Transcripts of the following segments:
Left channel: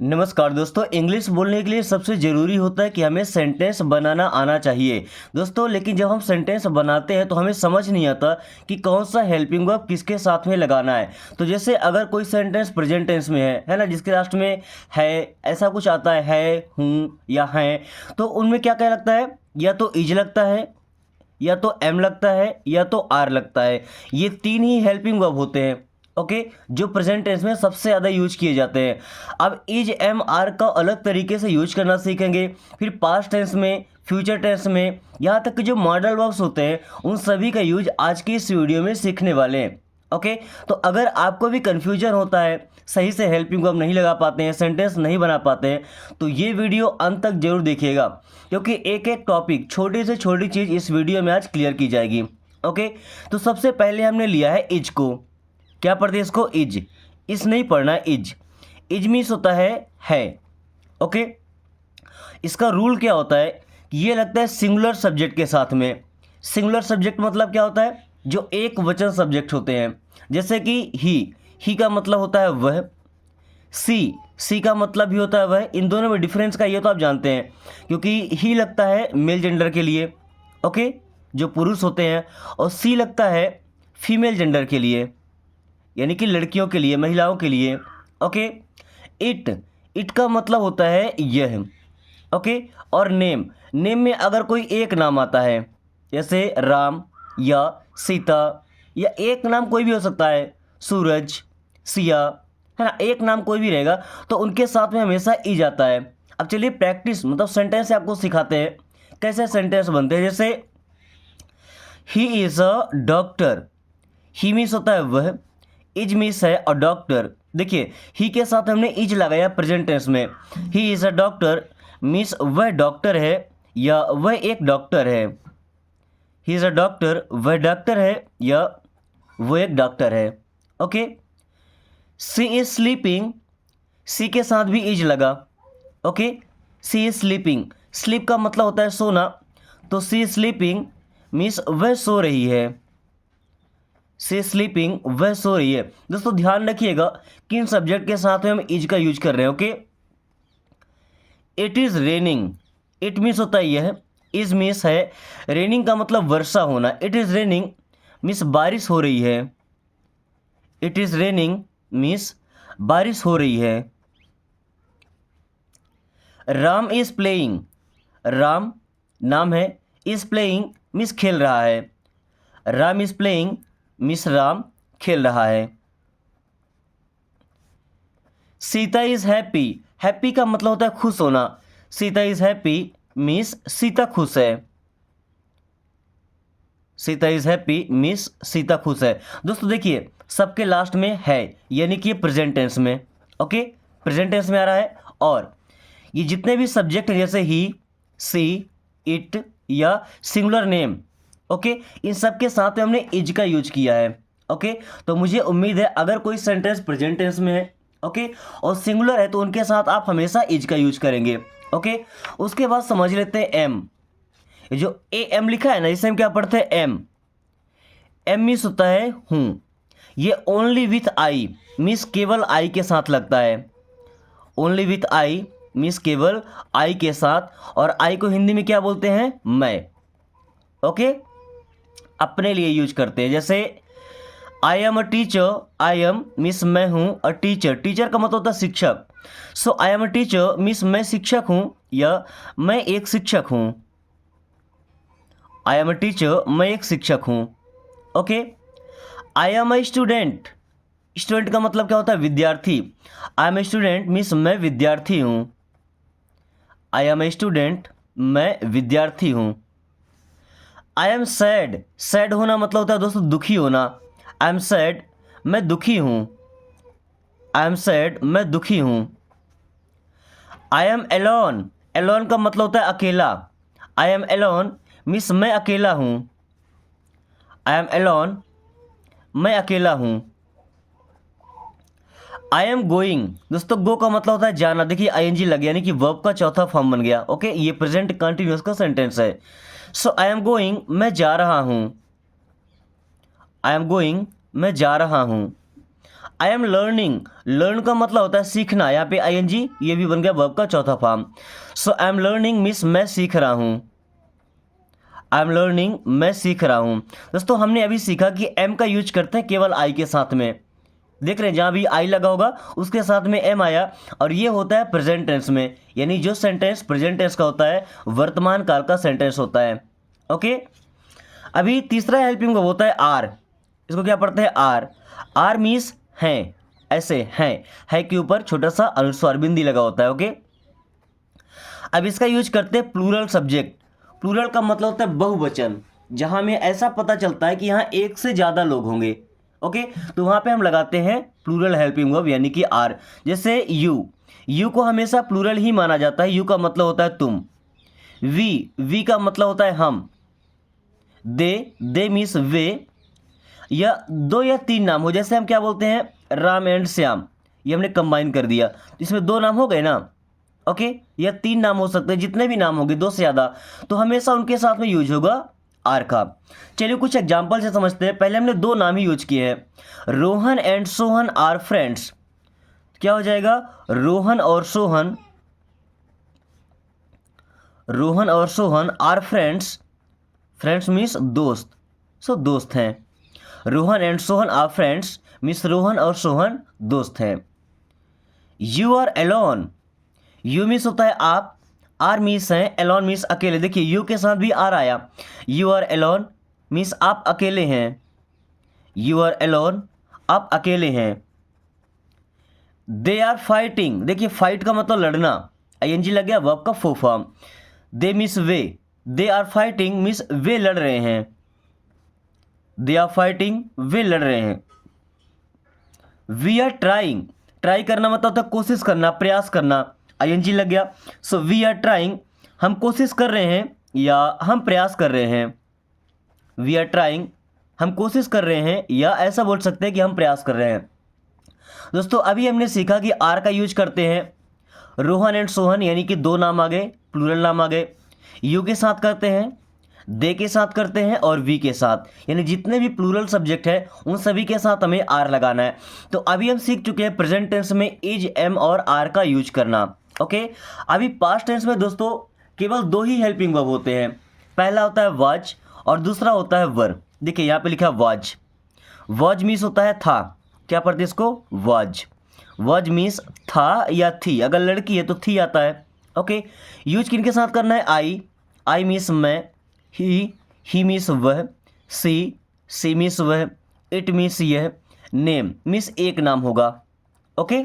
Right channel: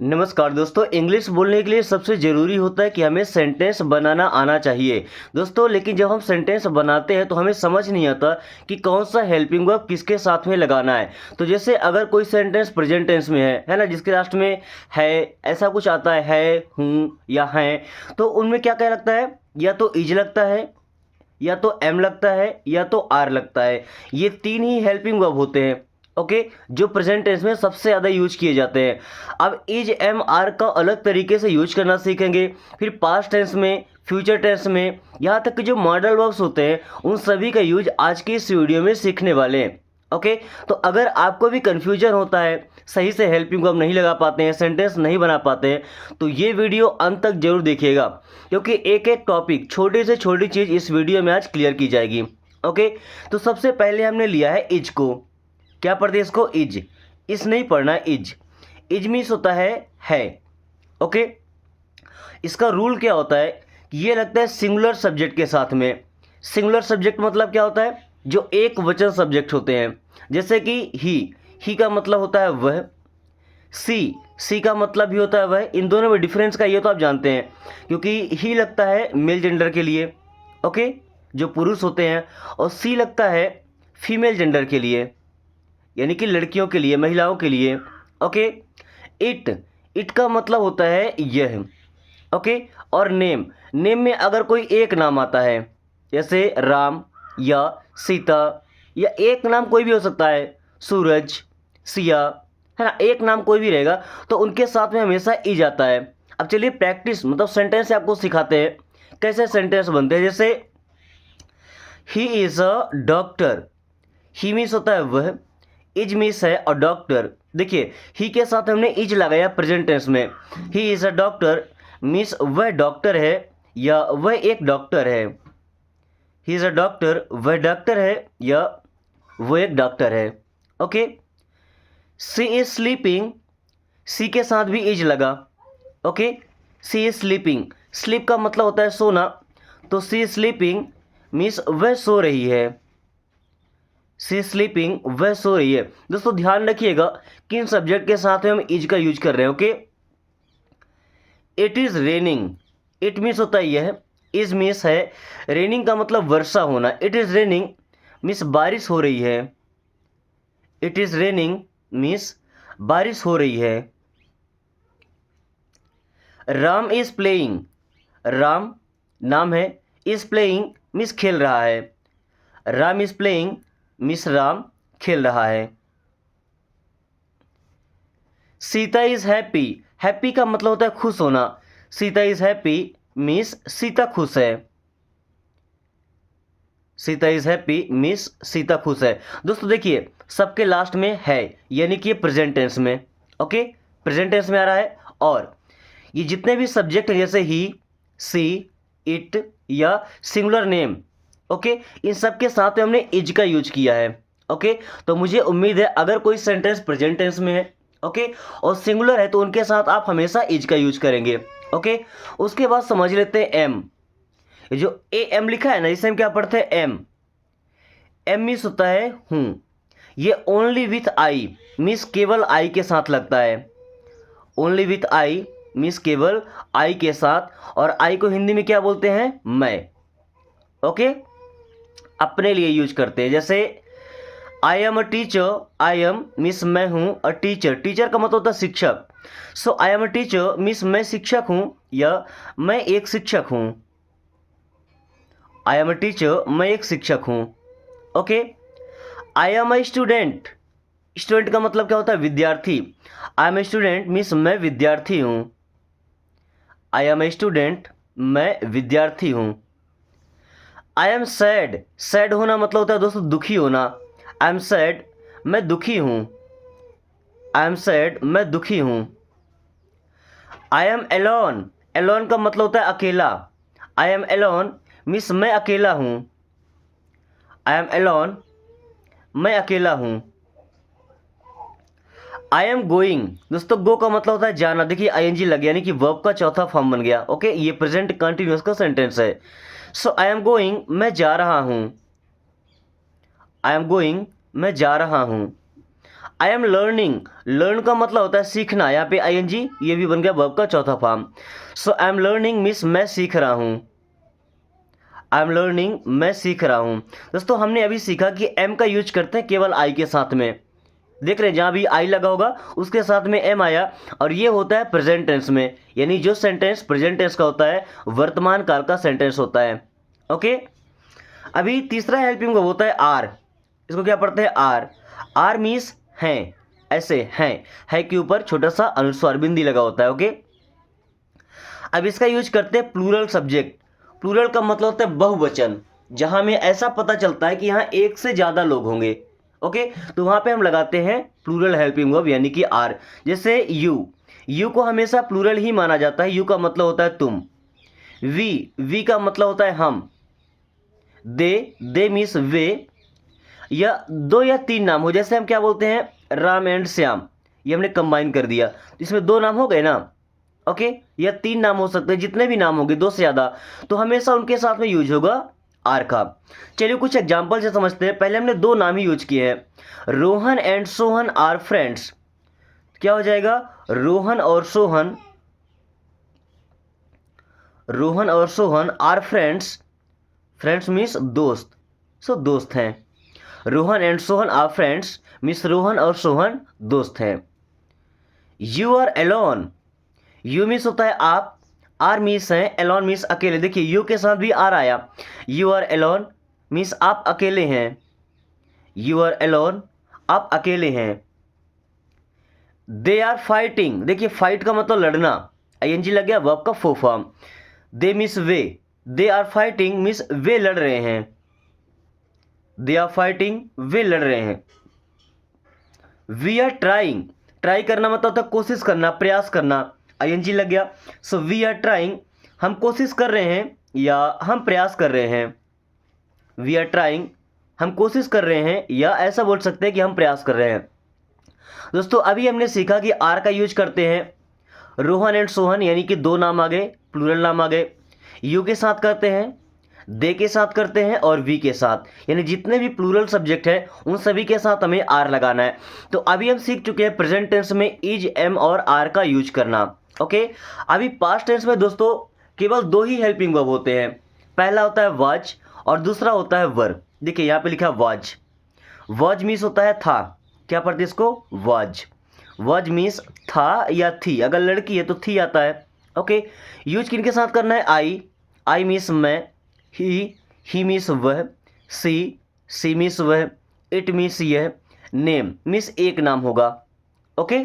नमस्कार दोस्तों। इंग्लिश बोलने के लिए सबसे ज़रूरी होता है कि हमें सेंटेंस बनाना आना चाहिए दोस्तों। लेकिन जब हम सेंटेंस बनाते हैं तो हमें समझ नहीं आता कि कौन सा हेल्पिंग वर्ब किसके साथ में लगाना है। तो जैसे अगर कोई सेंटेंस प्रेजेंट टेंस में है ना, जिसके लास्ट में है ऐसा कुछ आता है, हूँ या हैं, तो उनमें क्या क्या लगता है? या तो इज लगता है, या तो एम लगता है, या तो आर लगता है। ये तीन ही हेल्पिंग वर्ब होते हैं, ओके, जो प्रेजेंट टेंस में सबसे ज़्यादा यूज किए जाते हैं। अब इज एम आर का अलग तरीके से यूज करना सीखेंगे, फिर पास्ट टेंस में, फ्यूचर टेंस में, यहाँ तक कि जो मॉडल वर्ब्स होते हैं उन सभी का यूज आज की इस वीडियो में सीखने वाले हैं। ओके, तो अगर आपको भी कन्फ्यूजन होता है, सही से हेल्पिंग वर्ब नहीं लगा पाते हैं, सेंटेंस नहीं बना पाते हैं, तो ये वीडियो अंत तक जरूर देखिएगा, क्योंकि एक एक टॉपिक, छोटी से छोटी चीज़ इस वीडियो में आज क्लियर की जाएगी। ओके, तो सबसे पहले हमने लिया है इज को। क्या पढ़ते हैं इसको? इज। इस नहीं पढ़ना, इज। इज मीन्स होता है। ओके, इसका रूल क्या होता है कि ये लगता है सिंगुलर सब्जेक्ट के साथ में। सिंगुलर सब्जेक्ट मतलब क्या होता है? जो एक वचन सब्जेक्ट होते हैं, जैसे कि ही का मतलब होता है वह, सी का मतलब भी होता है वह। इन दोनों में डिफरेंस का ये तो आप जानते हैं, क्योंकि ही लगता है मेल जेंडर के लिए, ओके, जो पुरुष होते हैं, और सी लगता है फीमेल जेंडर के लिए, यानी कि लड़कियों के लिए, महिलाओं के लिए। ओके, इट का मतलब होता है यह, ओके। और नेम में अगर कोई एक नाम आता है, जैसे राम या सीता, या एक नाम कोई भी हो सकता है, सूरज, सिया, है ना, एक नाम कोई भी रहेगा, तो उनके साथ में हमेशा ई जाता है। अब चलिए प्रैक्टिस मतलब सेंटेंस आपको सिखाते हैं कैसे सेंटेंस बनते हैं। जैसे ही is a doctor. He means होता है वह, इज मीन्स है अ डॉक्टर। देखिए, ही के साथ हमने इज लगाया प्रेजेंट टेंस में। He is a doctor means वह डॉक्टर है, या वह एक डॉक्टर है। ही इज़ अ डॉक्टर, वह डॉक्टर है, या वो एक डॉक्टर है। Okay, she is sleeping. She के साथ भी इज लगा, okay. She is sleeping, sleep का मतलब होता है सोना, तो सी इज स्लीपिंग मीन्स वह सो रही है। सी स्लीपिंग, वह सो रही है। दोस्तों ध्यान रखिएगा किन सब्जेक्ट के साथ में हम इज का यूज कर रहे हैं। Okay, it is raining. It means होता है यह, इज मीन्स है रेनिंग का मतलब वर्षा होना। इट इज़ रेनिंग मीन्स बारिश हो रही है। इट इज़ रेनिंग मीन्स बारिश हो रही है। Ram is playing. राम नाम है, इज प्लेइंग मीन्स खेल रहा है। Ram is playing means Ram खेल रहा है। Sita is happy. हैप्पी का मतलब होता है खुश होना। Sita is happy means Sita खुश है। Sita is happy means Sita खुश है। दोस्तों देखिए, सबके लास्ट में है, यानी कि प्रेजेंट टेंस में, ओके, प्रेजेंट टेंस में आ रहा है। और ये जितने भी सब्जेक्ट हैं, जैसे ही, सी, इट या सिंगुलर नेम, ओके, इन सब के साथ में हमने इज का यूज किया है। ओके, तो मुझे उम्मीद है अगर कोई सेंटेंस प्रेजेंट टेंस में है, ओके, और सिंगुलर है, तो उनके साथ आप हमेशा इज का यूज करेंगे। ओके, उसके बाद समझ लेते हैं एम। ये जो ए एम लिखा है ना, इसे हम क्या पढ़ते हैं? एम। एम मीन्स होता है हूँ। ये ओनली विथ आई मीन्स केवल आई के साथ लगता है। ओनली विथ आई मीन्स केवल आई के साथ, और आई को हिंदी में क्या बोलते हैं? मैं। ओके, अपने लिए यूज करते हैं। जैसे आई am a teacher. I am means मैं हूँ, अ टीचर, टीचर का मतलब होता है शिक्षक। So I am a teacher means मैं शिक्षक हूँ, या मैं एक शिक्षक हूँ। आई एम अ टीचर, मैं एक शिक्षक हूँ। Okay, I am a student. Student का मतलब क्या होता है? विद्यार्थी। I am a student means मैं विद्यार्थी हूँ। आई एम ए स्टूडेंट, मैं विद्यार्थी हूँ। I am sad. सैड होना मतलब होता है दोस्तों दुखी होना। आई एम सैड, मैं दुखी हूँ। आई एम सैड, मैं दुखी हूँ। I am Elon. एलोन का मतलब होता है अकेला। आई एम एलोन मीन्स मैं अकेला हूँ। आई एम एलोन, मैं अकेला हूँ। I am going. दोस्तों गो का मतलब होता है जाना। देखिए आई एन जी लग गया, यानी कि वर्ब का चौथा फॉर्म बन गया। ओके, ये प्रेजेंट कंटिन्यूअस का सेंटेंस है। सो आई एम गोइंग, मैं जा रहा हूँ। आई एम गोइंग, मैं जा रहा हूँ। आई एम लर्निंग, लर्न का मतलब होता है सीखना, यहाँ पे आईएनजी ये भी बन गया वर्ब का चौथा form. So I am learning means मैं सीख रहा हूँ, आई एम लर्निंग मैं सीख रहा हूँ। दोस्तों हमने अभी सीखा कि एम का यूज करते हैं केवल आई के साथ में, देख रहे हैं जहाँ भी आई लगा होगा उसके साथ में एम आया, और ये होता है प्रेजेंट टेंस में, यानी जो सेंटेंस प्रेजेंट टेंस का होता है वर्तमान काल का सेंटेंस होता है। ओके, अभी तीसरा हेल्पिंग वर्ब होता है आर, इसको क्या पढ़ते हैं आर, आर मीन्स हैं, ऐसे हैं, है के ऊपर छोटा सा अनुस्वार बिंदी लगा होता है। ओके, अब इसका यूज करते हैं प्लूरल सब्जेक्ट, प्लूरल का मतलब होता है बहुवचन, जहां में ऐसा पता चलता है कि यहाँ एक से ज़्यादा लोग होंगे। ओके, तो वहाँ पे हम लगाते हैं प्लूरल हेल्पिंग वर्ब यानी कि आर। जैसे यू, यू को हमेशा प्लूरल ही माना जाता है, यू का मतलब होता है तुम। वी का मतलब होता है हम। दे मीन्स वे, या दो या तीन नाम हो, जैसे हम क्या बोलते हैं राम एंड श्याम, ये हमने कंबाइन कर दिया, इसमें दो नाम हो गए ना। ओके, या तीन नाम हो सकते हैं, जितने भी नाम होंगे दो से ज़्यादा, तो हमेशा उनके साथ में यूज होगा आर का। चलिए कुछ एग्जाम्पल से समझते हैं। पहले हमने दो नाम ही यूज किए हैं, Rohan and Sohan are friends, क्या हो जाएगा रोहन और सोहन, रोहन और Sohan are friends, friends means दोस्त, सो दोस्त हैं। Rohan and Sohan are friends means Rohan और सोहन दोस्त हैं। You are alone, you means होता है आप, आर मीन्स है, एलोन मीन्स अकेले। देखिए यू के साथ भी आर आया, यू आर एलोन मीन्स आप अकेले हैं, यू आर एलोन आप अकेले हैं। दे आर फाइटिंग, देखिए फाइट का मतलब लड़ना, आईएनजी लग गया वर्ब का फुल फॉर्म। दे मीन्स वे, दे आर फाइटिंग मीन्स वे लड़ रहे हैं, दे आर फाइटिंग वे लड़ रहे हैं। वी आर ट्राइंग, ट्राई करना मतलब होता है कोशिश करना, प्रयास करना, आईएनजी लग गया। सो वी आर ट्राइंग, हम कोशिश कर रहे हैं या हम प्रयास कर रहे हैं। वी आर ट्राइंग, हम कोशिश कर रहे हैं, या ऐसा बोल सकते हैं कि हम प्रयास कर रहे हैं। दोस्तों अभी हमने सीखा कि आर का यूज करते हैं रोहन एंड सोहन, यानी कि दो नाम आ गए, प्लूरल नाम आ गए, यू के साथ करते हैं, दे के साथ करते हैं, और वी के साथ, यानी जितने भी प्लूरल सब्जेक्ट है उन सभी के साथ हमें आर लगाना है। तो अभी हम सीख चुके हैं प्रेजेंट टेंस में इज, एम और आर का यूज करना। ओके, अभी पास्ट टेंस में दोस्तों केवल दो ही हेल्पिंग वर्ब होते हैं, पहला होता है वाज और दूसरा होता है वर। देखिए यहाँ पे लिखा है वाज, वाज मीन्स होता है था, क्या पढ़ते इसको वाज, वाज मीन्स था या थी, अगर लड़की है तो थी आता है। ओके, यूज किन के साथ करना है आई मीन्स मैं, ही मीन्स वह, सी मीन्स वह, इट मीन्स यह, नेम मीन्स एक नाम होगा। ओके,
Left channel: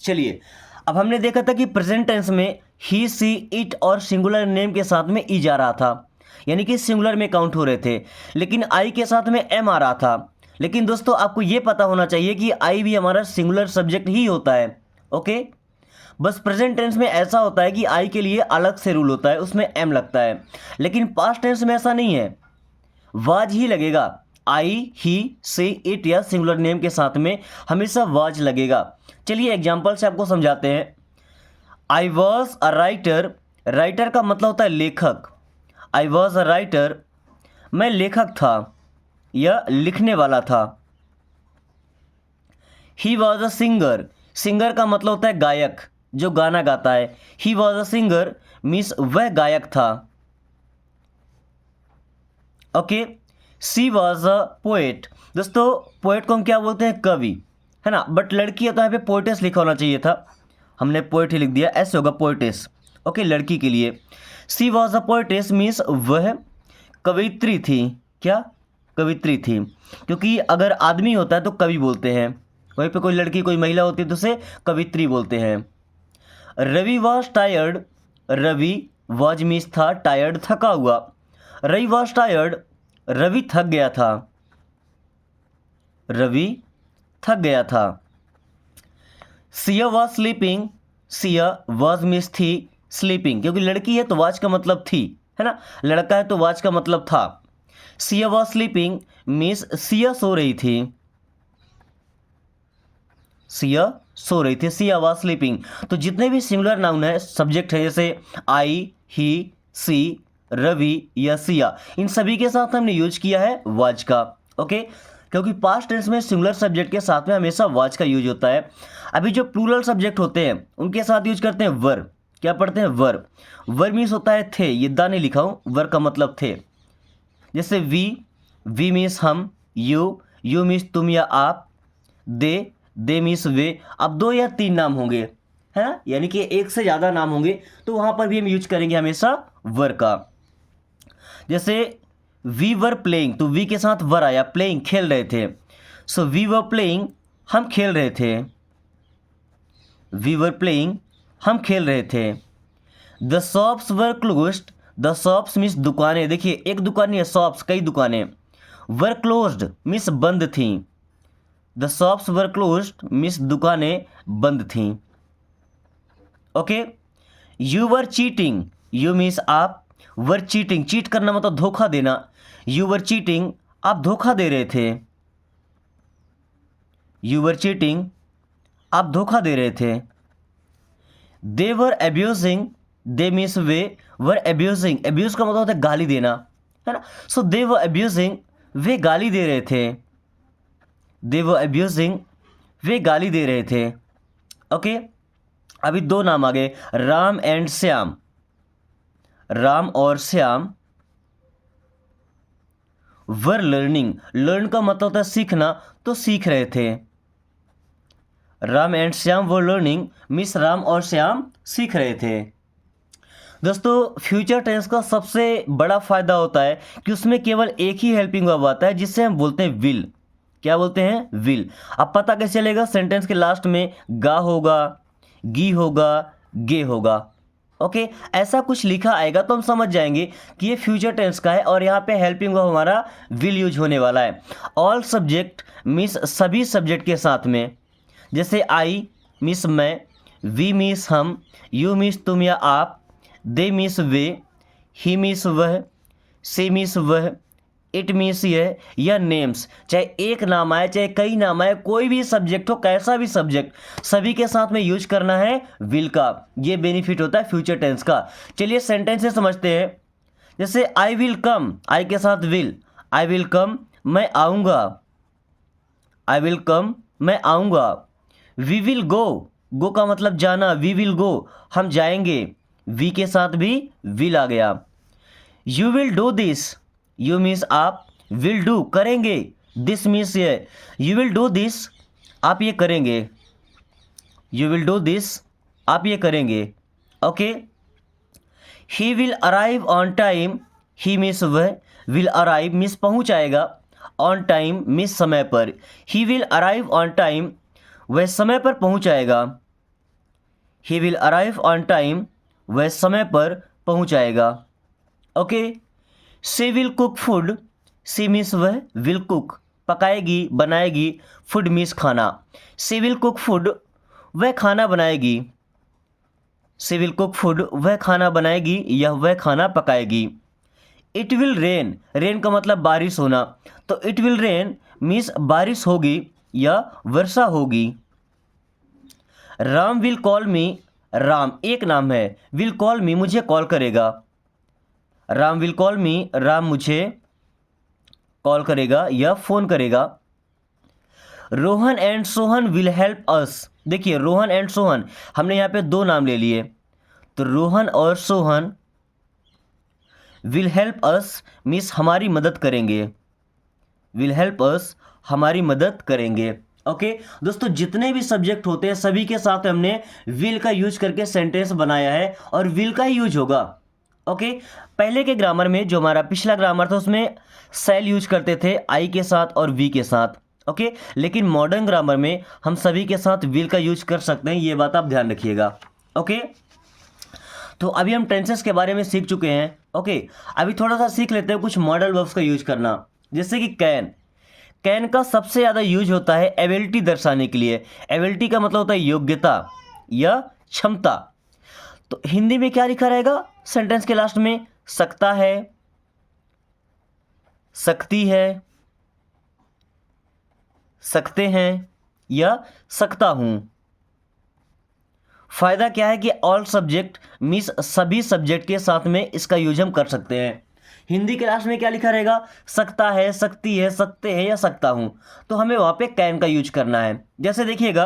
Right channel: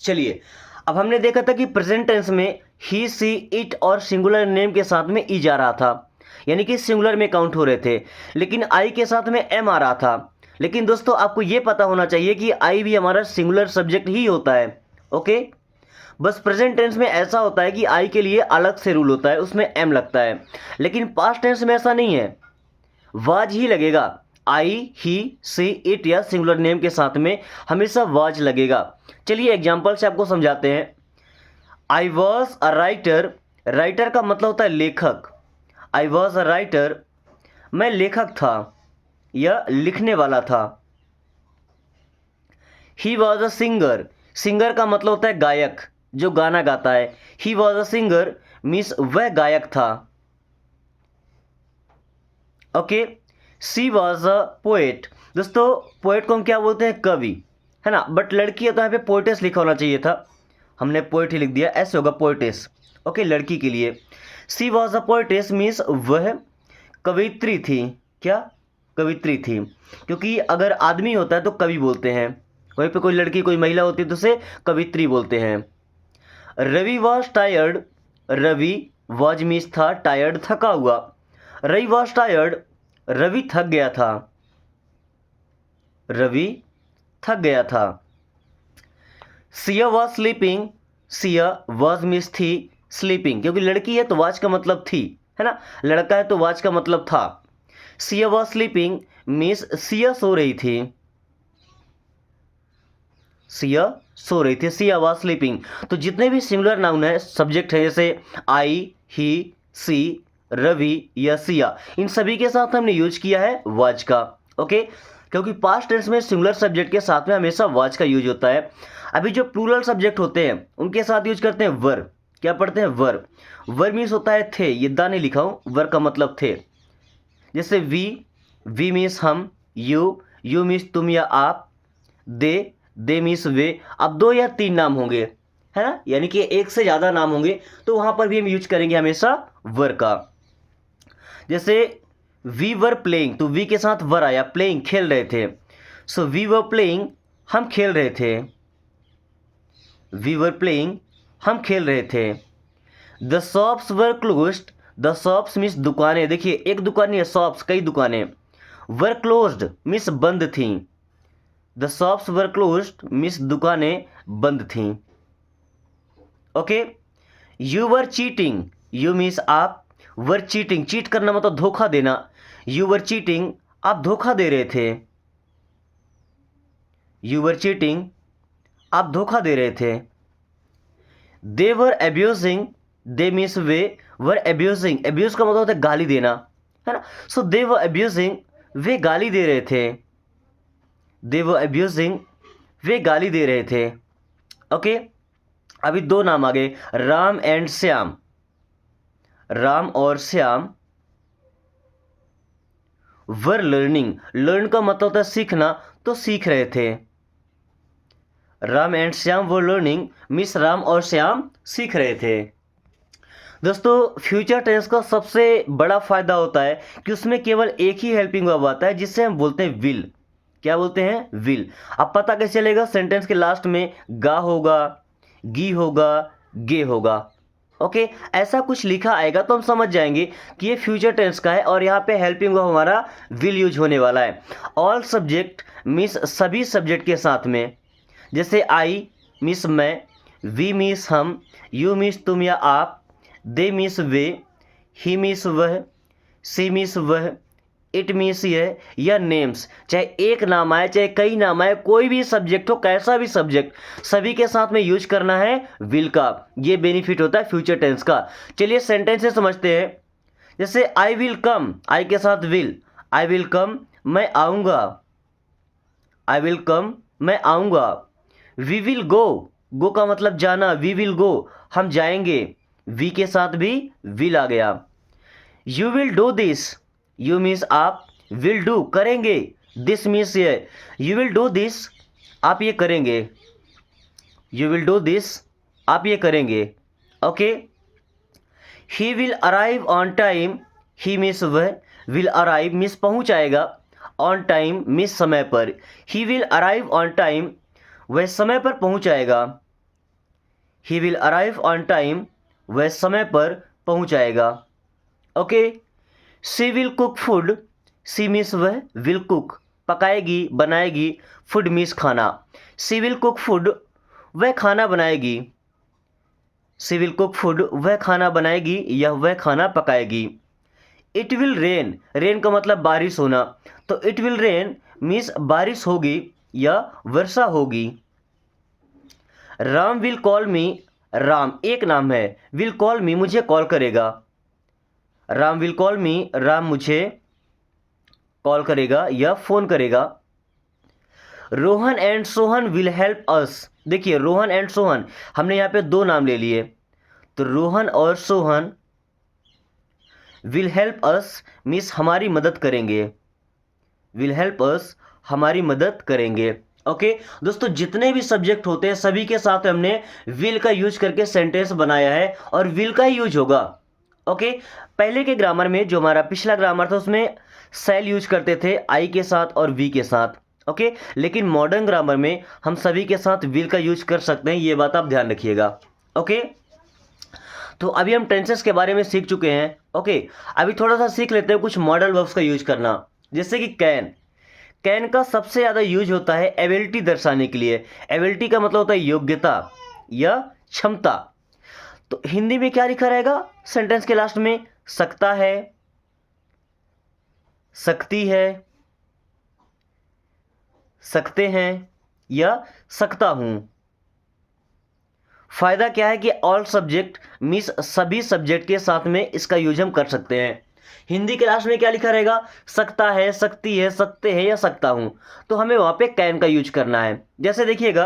चलिए अब हमने देखा था कि प्रेजेंट टेंस में ही, सी, इट और सिंगुलर नेम के साथ में ई जा रहा था, यानी कि सिंगुलर में काउंट हो रहे थे, लेकिन आई के साथ में एम आ रहा था। लेकिन दोस्तों आपको ये पता होना चाहिए कि आई भी हमारा सिंगुलर सब्जेक्ट ही होता है। ओके, बस प्रेजेंट टेंस में ऐसा होता है कि आई के लिए अलग से रूल होता है, उसमें एम लगता है, लेकिन पास्ट टेंस में ऐसा नहीं है, वाज ही लगेगा। आई, ही, सी, इट या सिंगुलर नेम के साथ में हमेशा वाज लगेगा। चलिए एग्जाम्पल से आपको समझाते हैं। I was a writer, writer का मतलब होता है लेखक, आई वॉज अ राइटर मैं लेखक था या लिखने वाला था। He was a singer, singer का मतलब होता है गायक, जो गाना गाता है। He was a singer means वह गायक था। Okay, she was a poet, दोस्तों पोएट को हम क्या बोलते हैं कवि, है ना, बट लड़की है तो यहाँ पे पोएटेस लिखा होना चाहिए था, हमने पोएट ही लिख दिया, ऐसे होगा पोएटेस। ओके, लड़की के लिए। सी वॉज अ पोएटेस मीन्स वह कवित्री थी, क्या कवित्री थी, क्योंकि अगर आदमी होता है तो कवि बोलते हैं, वहीं पे कोई लड़की कोई महिला होती है तो उसे कवित्री बोलते हैं। Ravi was tired, Ravi was means था, टायर्ड थका हुआ, रवि वॉज टायर्ड रवि थक गया था, रवि थक गया था। Siya was sleeping, Siya was means थी, स्लीपिंग क्योंकि लड़की है तो वॉज का मतलब थी, है ना, लड़का है तो वॉज का मतलब था। Siya was sleeping means Siya सो रही थी, सिया सो रही थी, सिया वॉज स्लीपिंग। तो जितने भी सिंगुलर नाउन है सब्जेक्ट है, जैसे आई, ही, सी, रवि या सिया, इन सभी के साथ हमने यूज किया है वॉज का। ओके, क्योंकि पास्ट टेंस में सिंगुलर सब्जेक्ट के साथ में हमेशा वाज का यूज होता है। अभी जो प्लूरल सब्जेक्ट होते हैं उनके साथ यूज करते हैं वर। क्या पढ़ते हैं? वर। वर मीन्स होता है थे, ये दा नहीं लिखा हूँ, वर का मतलब थे। जैसे वी मीन्स हम, यू मीन्स तुम या आप, दे मीन्स वे। अब 2 या 3 नाम होंगे, है ना, यानी कि एक से ज़्यादा नाम होंगे तो वहाँ पर भी हम यूज करेंगे हमेशा वर का। जैसे वी वर प्लेइंग, तो वी के साथ वर आया, प्लेइंग खेल रहे थे। सो वी वर प्लेइंग, हम खेल रहे थे। वी वर प्लेइंग, हम खेल रहे थे। The shops were closed, the shops means दुकानें, देखिए एक दुकान नहीं है, शॉप्स कई दुकानें। वर क्लोज्ड मीन्स बंद थी। The shops were closed means दुकानें बंद थीं। Okay. You were cheating, you means आप, वर चीटिंग, चीट करना मतलब धोखा देना। यू वर चीटिंग, आप धोखा दे रहे थे। यू वर चीटिंग, आप धोखा दे रहे थे। They were abusing, they means वे, वर एब्यूजिंग, एब्यूज का मतलब होता है गाली देना, है ना। सो दे वर एब्यूजिंग, वे गाली दे रहे थे। दे वर एब्यूजिंग, वे गाली दे रहे थे। ओके। अभी 2 नाम आ गए, राम एंड श्याम। राम और श्याम वर लर्निंग, लर्न का मतलब होता है सीखना, तो सीख रहे थे। Ram and Shyam were learning means Ram और श्याम सीख रहे थे। दोस्तों फ्यूचर टेंस का सबसे बड़ा फायदा होता है कि उसमें केवल एक ही हेल्पिंग वर्ब आता है जिससे हम बोलते हैं विल। क्या बोलते हैं? विल। अब पता कैसे चलेगा? सेंटेंस के लास्ट में गा होगा, गी होगा, गे होगा। ओके, ऐसा कुछ लिखा आएगा तो हम समझ जाएंगे कि ये फ्यूचर टेंस का है और यहाँ पे हेल्पिंग वर्ब हमारा विल यूज होने वाला है। ऑल सब्जेक्ट मीन्स सभी सब्जेक्ट के साथ में। जैसे आई मीन्स मैं, वी मीन्स हम, यू मीन्स तुम या आप, दे मीन्स वे, ही मीन्स वह, सी मीन्स वह, इट मीन्स यह, या नेम्स, चाहे एक नाम आए चाहे कई नाम आए, कोई भी सब्जेक्ट हो, कैसा भी सब्जेक्ट, सभी के साथ में यूज करना है विल का। ये बेनिफिट होता है फ्यूचर टेंस का। चलिए सेंटेंस से समझते हैं। जैसे आई विल कम, आई के साथ विल, आई विल कम, मैं आऊँगा। आई विल कम, मैं आऊँगा। वी विल गो का मतलब जाना, वी विल गो, हम जाएंगे, वी के साथ भी विल आ गया। You will do this, you means आप, विल डू करेंगे, दिस मीन्स ये, यू विल डू दिस, आप ये करेंगे। यू विल डू दिस, आप ये करेंगे। Okay. He will arrive on time, he means वह, विल अराइव मीन्स पहुंच आएगा, ऑन टाइम मीन्स समय पर। He will arrive on time, वह समय पर पहुंच आएगा। He will arrive on time, वह समय पर पहुंच आएगा। Okay. She will cook food, she means वह, विल कुक पकाएगी, बनाएगी, फूड मीन्स खाना। शी विल कुक फूड, वह खाना बनाएगी। शी विल कुक फूड, वह खाना बनाएगी या वह खाना पकाएगी। इट विल रेन, रेन का मतलब बारिश होना, तो इट विल रेन मीन्स बारिश होगी या वर्षा होगी। राम विल कॉल मी, राम एक नाम है, विल कॉल मी मुझे कॉल करेगा। राम विल कॉल मी, राम मुझे कॉल करेगा या फोन करेगा। Rohan and Sohan will help us, देखिए रोहन एंड सोहन हमने यहाँ पे 2 नाम ले लिए, तो रोहन और Sohan will help us means हमारी मदद करेंगे। विल हेल्प अस, हमारी मदद करेंगे। ओके दोस्तों, जितने भी सब्जेक्ट होते हैं सभी के साथ हमने विल का यूज करके सेंटेंस बनाया है और विल का ही यूज होगा। ओके, पहले के ग्रामर में जो हमारा पिछला ग्रामर था उसमें सेल यूज करते थे आई के साथ और वी के साथ। ओके, लेकिन मॉडर्न ग्रामर में हम सभी के साथ विल का यूज कर सकते हैं, ये बात आप ध्यान रखिएगा। ओके, तो अभी हम टेंसेस के बारे में सीख चुके हैं। ओके, अभी थोड़ा सा सीख लेते हैं कुछ मॉडल वर्ब्स का यूज करना। जैसे कि कैन, कैन का सबसे ज़्यादा यूज होता है एबिलिटी दर्शाने के लिए। एबिलिटी का मतलब होता है योग्यता या क्षमता। तो हिंदी में क्या लिखा रहेगा सेंटेंस के लास्ट में? सकता है, सकती है, सकते हैं या सकता हूं। फायदा क्या है कि ऑल सब्जेक्ट मीन्स सभी सब्जेक्ट के साथ में इसका यूज हम कर सकते हैं। हिंदी के लास्ट में क्या लिखा रहेगा, सकता है, सकती है, सकते हैं या सकता हूँ, तो हमें वहाँ पे कैन का यूज करना है। जैसे देखिएगा,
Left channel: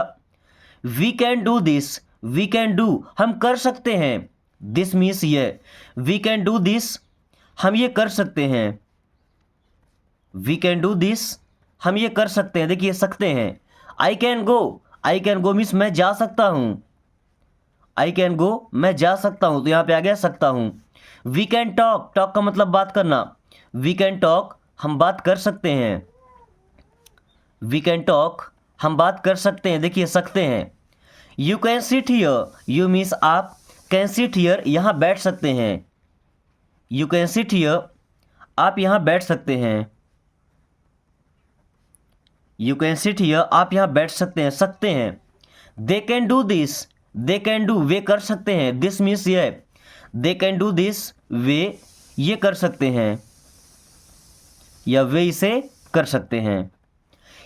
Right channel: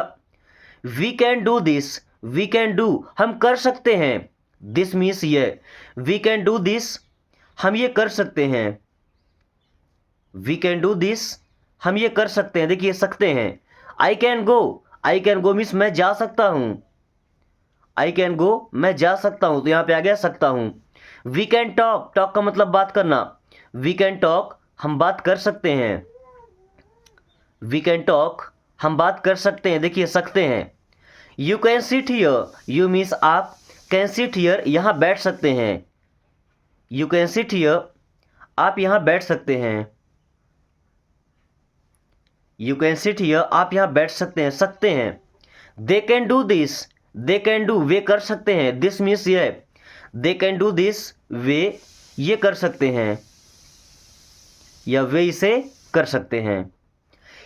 we can do this, we can do हम कर सकते हैं, दिस मीन्स ये, वी कैन डू दिस हम ये कर सकते हैं, वी कैन डू दिस हम ये कर सकते हैं, देखिए सकते हैं। आई कैन गो मीन्स मैं जा सकता हूँ, आई कैन गो मैं जा सकता हूँ, तो यहाँ पे आ गया सकता हूँ। वी कैन टॉक, टॉक का मतलब बात करना, वी कैन टॉक हम बात कर सकते हैं, वी कैन टॉक हम बात कर सकते हैं, देखिए सकते हैं। You can sit here, you means आप, कैन सिट हियर यहाँ बैठ सकते हैं, यू कैन सिट हियर आप यहाँ बैठ सकते हैं, यू कैन सिट हियर आप यहाँ बैठ सकते हैं। They can do this, they can do वे कर सकते हैं, दिस मीन्स ये, दे कैन डू दिस वे ये कर सकते हैं या वे इसे कर सकते हैं।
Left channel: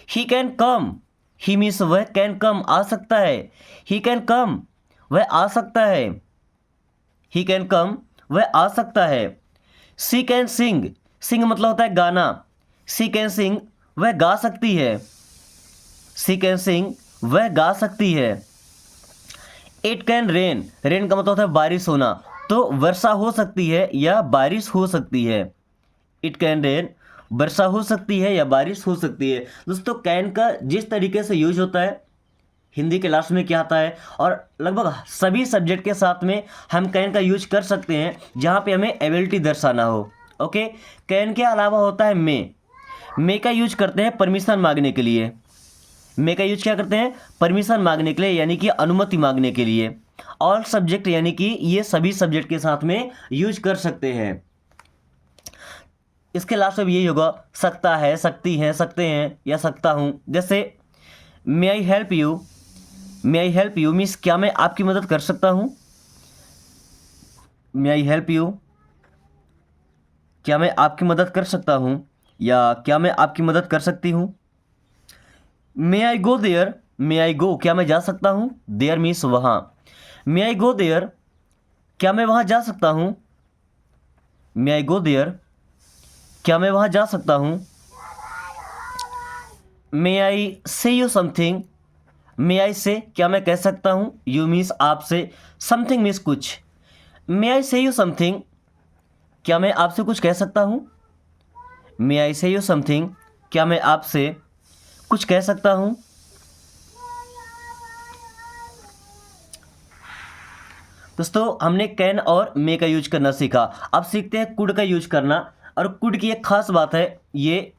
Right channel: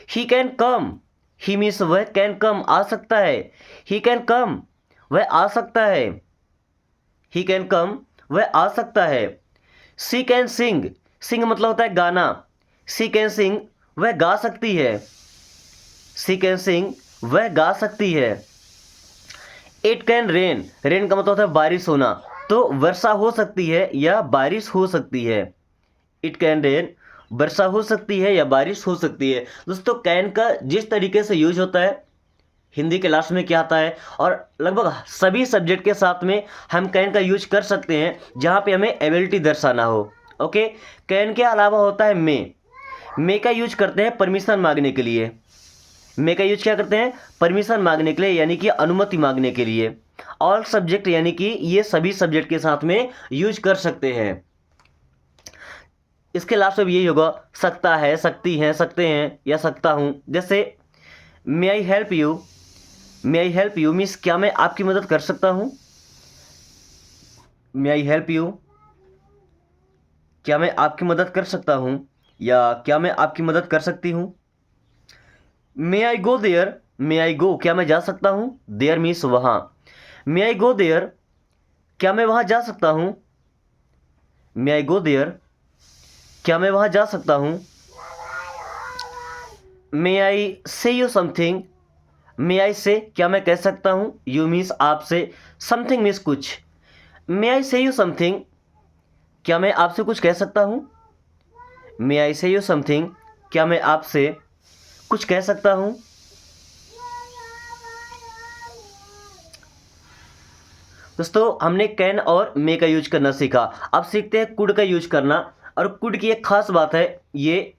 He can come, he means वह कैन कम आ सकता है, ही कैन कम वह आ सकता है, ही कैन कम वह आ सकता है। सी कैन सिंग, सिंग मतलब होता है गाना, सी कैन सिंग वह गा सकती है, सी कैन सिंग वह गा सकती है। इट कैन रेन, रेन का मतलब होता है बारिश होना, तो वर्षा हो सकती है या बारिश हो सकती है, इट कैन रेन वर्षा हो सकती है या बारिश हो सकती है। दोस्तों कैन का जिस तरीके से यूज होता है, हिंदी के लास्ट में क्या आता है, और लगभग सभी सब्जेक्ट के साथ में हम कैन का यूज कर सकते हैं जहाँ पे हमें एबिलिटी दर्शाना हो। ओके, कैन के अलावा होता है मे का यूज करते हैं परमिशन मांगने के लिए, मे का यूज क्या करते हैं, परमिशन मांगने के लिए, यानी कि अनुमति मांगने के लिए। ऑल सब्जेक्ट यानी कि ये सभी सब्जेक्ट के साथ में यूज कर सकते हैं। इसके लास्ट में यही होगा, सकता है, सकती हैं, सकते हैं या सकता हूँ। जैसे may I help you, may I help you means क्या मैं आपकी मदद कर सकता हूँ, मे आई हेल्प यू क्या मैं आपकी मदद कर सकता हूँ या क्या मैं आपकी मदद कर सकती हूँ। मे आई गो देयर, मे आई गो क्या मैं जा सकता हूँ, देयर मीन्स वहाँ, मे आई गो देयर क्या मैं वहाँ जा सकता हूँ, मे आई गो देयर क्या मैं वहाँ जा सकता हूँ। मे आई से यू समथिंग, मे आई से क्या मैं कह सकता हूँ, यू मीन्स आपसे, समथिंग मीन्स कुछ। मे आई से यू समथिंग क्या मैं आपसे कुछ कह सकता हूँ, मे आई से यू समथिंग क्या मैं आपसे कुछ कह सकता हूँ। दोस्तों हमने कैन और मे का यूज करना सीखा, अब सीखते हैं कुड का यूज करना। और कुड की एक खास बात है, ये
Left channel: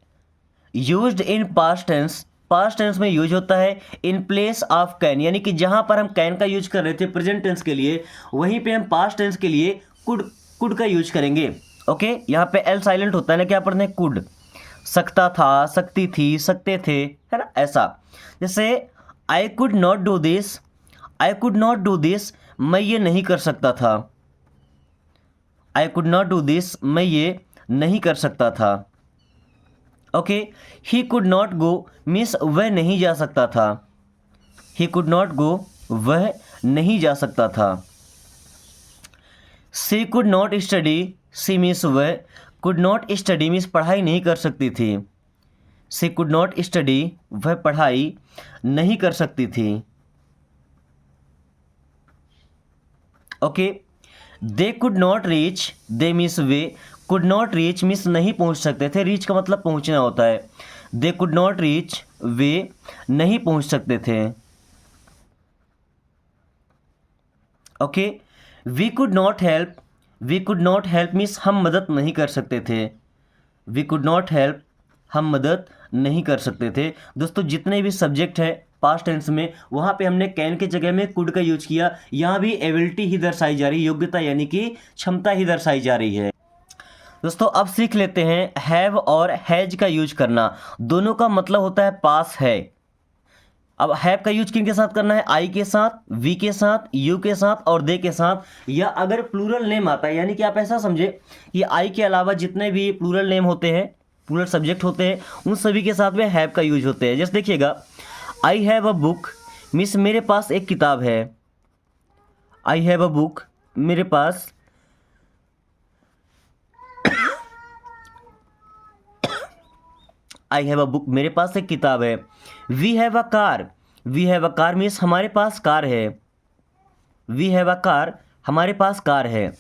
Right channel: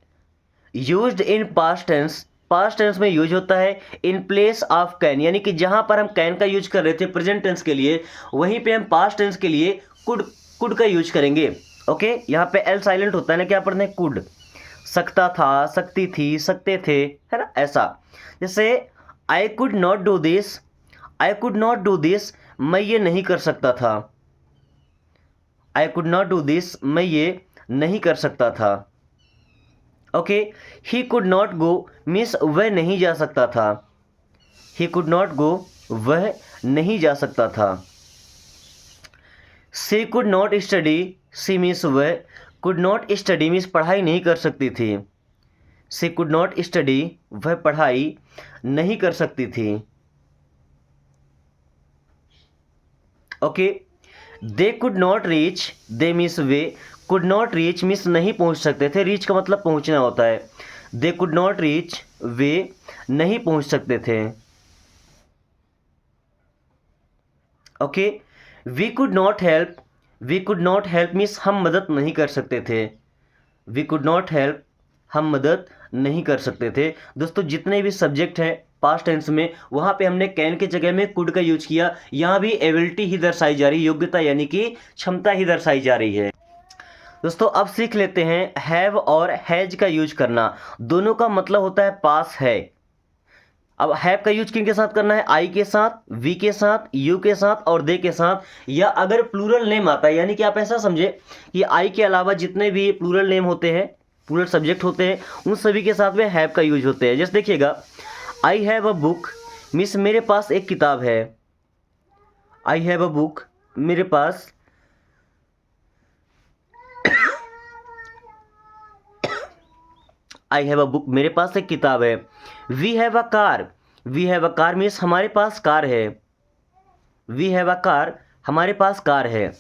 used in past tense, past tense में यूज होता है इन प्लेस ऑफ कैन, यानी कि जहां पर हम कैन का यूज कर रहे थे प्रेजेंट टेंस के लिए, वहीं पे हम पास्ट टेंस के लिए कुड का यूज करेंगे। ओके, यहाँ पे एल साइलेंट होता है ना, क्या पढ़ते हैं कुड, सकता था, सकती थी, सकते थे, है ना, ऐसा। जैसे I could not do this, I could not do this मैं ये नहीं कर सकता था, I could not do this मैं ये नहीं कर सकता था। Okay, he could not go means वह नहीं जा सकता था, ही कुड नॉट गो वह नहीं जा सकता था। She could not study, she means वह, कुड नॉट स्टडी मीन्स पढ़ाई नहीं कर सकती थी, सी कुड नॉट स्टडी वह पढ़ाई नहीं कर सकती थी। Okay, they could not reach, they means way, could not reach means नहीं पहुंच सकते थे, रीच का मतलब पहुंचना होता है, दे कुड नॉट रीच वे नहीं पहुंच सकते थे। Okay, we could not help, we could not help means हम मदद नहीं कर सकते थे, वी कुड नॉट हेल्प हम मदद नहीं कर सकते थे। दोस्तों जितने भी सब्जेक्ट हैं पास्ट टेंस में, वहाँ पे हमने कैन की जगह में कुड का यूज किया, यहाँ भी एबिलिटी ही दर्शाई जा रही है, योग्यता यानी कि क्षमता ही दर्शाई जा रही है। दोस्तों अब सीख लेते हैं हैव और हैज का यूज करना, दोनों का मतलब होता है पास है। अब हैव का यूज किन के साथ करना है, आई के साथ, वी के साथ, यू के साथ और दे के साथ, या अगर प्लूरल नेम आता है, यानी कि आप ऐसा समझे कि आई के अलावा जितने भी प्लूरल नेम होते हैं, प्लूरल सब्जेक्ट होते हैं, उन सभी के साथ में हैव का यूज होते हैं। जैसे देखिएगा, I have a book means मेरे पास एक किताब है, आई हैव अ बुक मेरे पास आई हैव अ बुक, मेरे पास एक किताब है। We have a car, we have a car means हमारे पास कार है। वी हैव अ कार, हमारे पास कार है।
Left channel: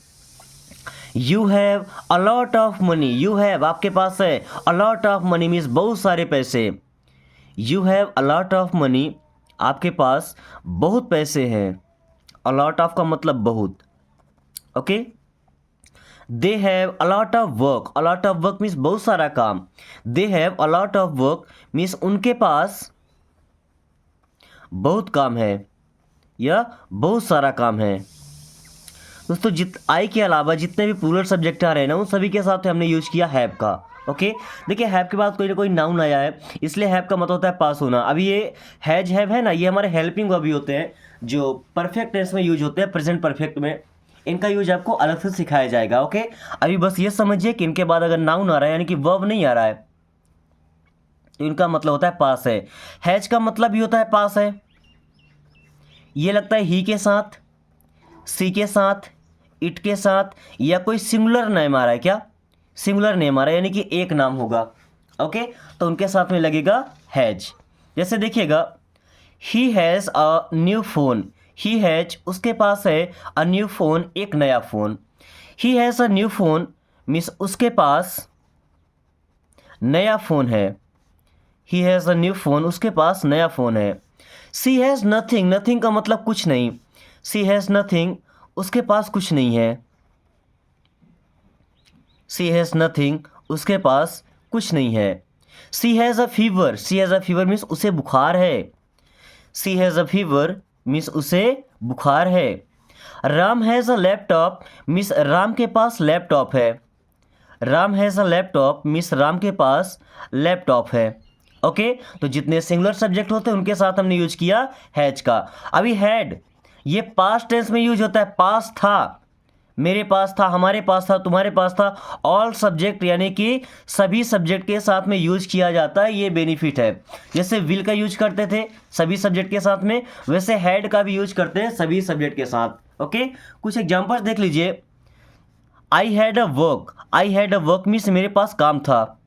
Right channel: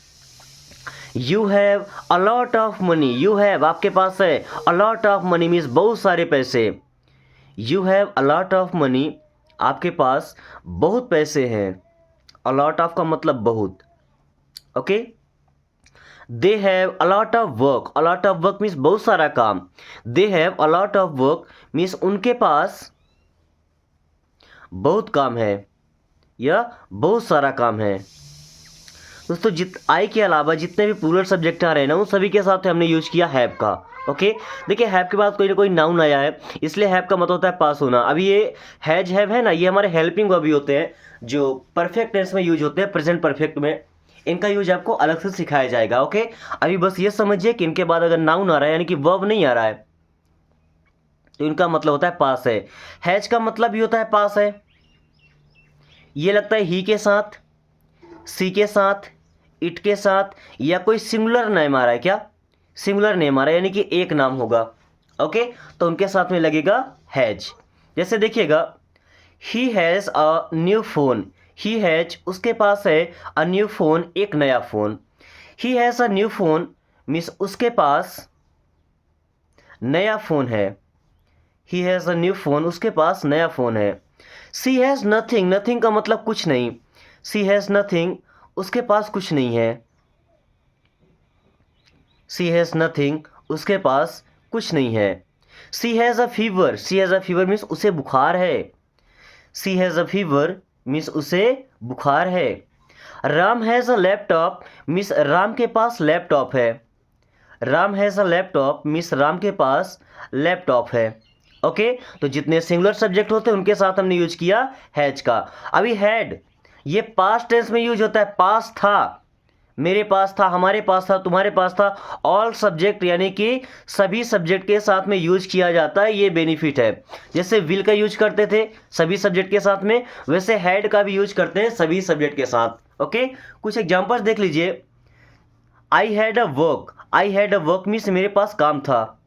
You have a lot of money, you have आपके पास है, a lot of money means बहुत सारे पैसे। You have a lot of money, आपके पास बहुत पैसे हैं। अ लॉट ऑफ का मतलब बहुत। Okay. They have a lot of work, a lot of work means बहुत सारा काम। They have a lot of work means उनके पास बहुत काम है या बहुत सारा काम है। दोस्तों आई के अलावा जितने भी प्लूरल सब्जेक्ट आ रहे हैं ना, उन सभी के साथ हमने यूज किया हैव का। ओके। देखिए हैव के बाद कोई ना कोई नाउन आया है, इसलिए हैव का मतलब होता है पास होना। अभी ये हैज हैव है ना, ये हमारे हेल्पिंग वर्ब भी होते हैं जो परफेक्ट टेंस में यूज होते हैं, प्रेजेंट परफेक्ट में। इनका यूज आपको अलग से सिखाया जाएगा। ओके। अभी बस ये समझिए कि इनके बाद अगर नाउन आ रहा है यानी कि वर्ब नहीं आ रहा है, तो इनका मतलब होता है पास है। हैज का मतलब भी होता है पास है। ये लगता है ही के साथ, सी के साथ, इट के साथ, या कोई सिंगुलर नेम आ रहा है क्या? सिंगुलर नेम आ रहा है यानी कि एक नाम होगा। ओके। तो उनके साथ में लगेगा हैज। जैसे देखिएगा, he has a new phone, he has उसके पास है, अ न्यू फोन एक नया phone. He has a new phone means उसके पास नया फ़ोन है। He has a new phone, उसके पास नया फ़ोन है। सी हैज़ नथिंग, नथिंग का मतलब कुछ नहीं। सी हैज़ नथिंग, उसके पास कुछ नहीं है। सी हैज़ नथिंग, उसके पास कुछ नहीं है। She has a fever, she has a fever means उसे बुखार है। She has a fever means उसे बुखार है। Ram has a laptop means Ram के पास लैपटॉप है। Ram has a laptop means Ram के पास लैपटॉप है। ओके। तो जितने सिंगुलर सब्जेक्ट होते हैं उनके साथ हमने यूज किया हैज का। अभी हैड, ये पास्ट टेंस में यूज होता है। पास था, मेरे पास था, हमारे पास था, तुम्हारे पास था। ऑल सब्जेक्ट यानी कि सभी सब्जेक्ट के साथ में यूज किया जाता है, ये बेनिफिट है। जैसे विल का यूज करते थे सभी सब्जेक्ट के साथ में, वैसे हैड का भी यूज करते हैं सभी सब्जेक्ट के साथ। ओके। कुछ एग्जांपल्स देख लीजिए। I had a work, I had a work means मेरे पास काम था।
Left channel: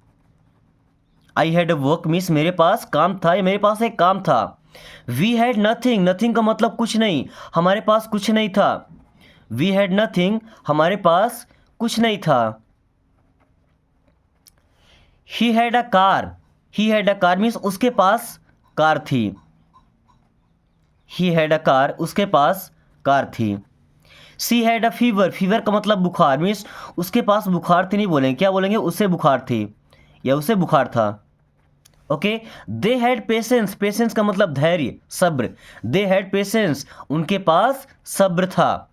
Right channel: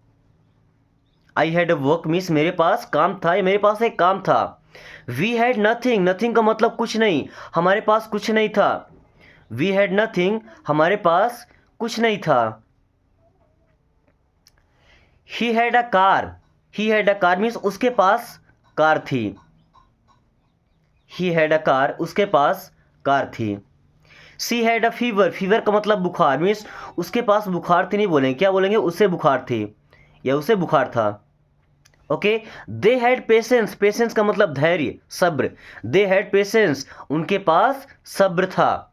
I had a work means मेरे पास काम था या मेरे पास एक काम था। वी हैड नथिंग, नथिंग का मतलब कुछ नहीं, हमारे पास कुछ नहीं था। वी हैड नथिंग, हमारे पास कुछ नहीं था। He had a car, he had a car means उसके पास कार थी। ही हैड अ कार, उसके पास कार थी। She had a fever, fever का मतलब बुखार मीन्स उसके पास बुखार थी नहीं बोलेंगे, क्या बोलेंगे? उसे बुखार थी या उसे बुखार था। Okay. They had patience, patience का मतलब धैर्य, सब्र। दे हैड पेशेंस, उनके पास सब्र था।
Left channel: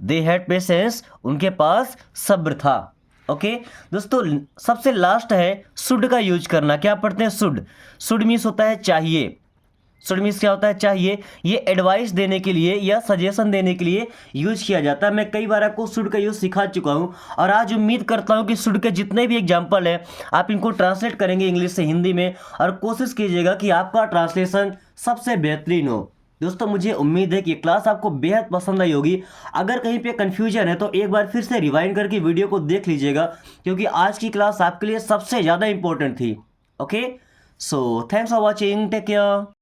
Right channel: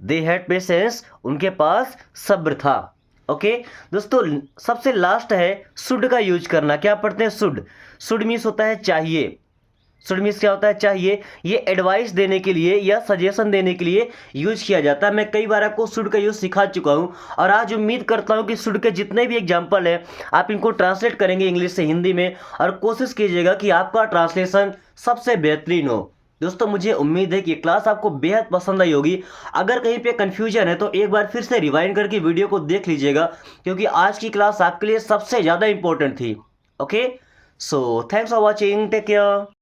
दे हैड पेशेंस, उनके पास सब्र था। ओके। दोस्तों सबसे लास्ट है शुड का यूज करना। क्या पढ़ते हैं? शुड। शुड मीन्स होता है चाहिए। शुड मीन्स क्या होता है? चाहिए। ये एडवाइस देने के लिए या सजेशन देने के लिए यूज किया जाता है। मैं कई बार आपको शुड का यूज सिखा चुका हूँ और आज उम्मीद करता हूँ कि शुड के जितने भी एग्जाम्पल हैं आप इनको ट्रांसलेट करेंगे इंग्लिश से हिंदी में, और कोशिश कीजिएगा कि आपका ट्रांसलेशन सबसे बेहतरीन हो। दोस्तों मुझे उम्मीद है कि क्लास आपको बेहद पसंद आई होगी। अगर कहीं पे कन्फ्यूजन है तो एक बार फिर से रिवाइंड करके वीडियो को देख लीजिएगा, क्योंकि आज की क्लास आपके लिए सबसे ज़्यादा इंपॉर्टेंट थी। Okay. So thanks for watching, take care.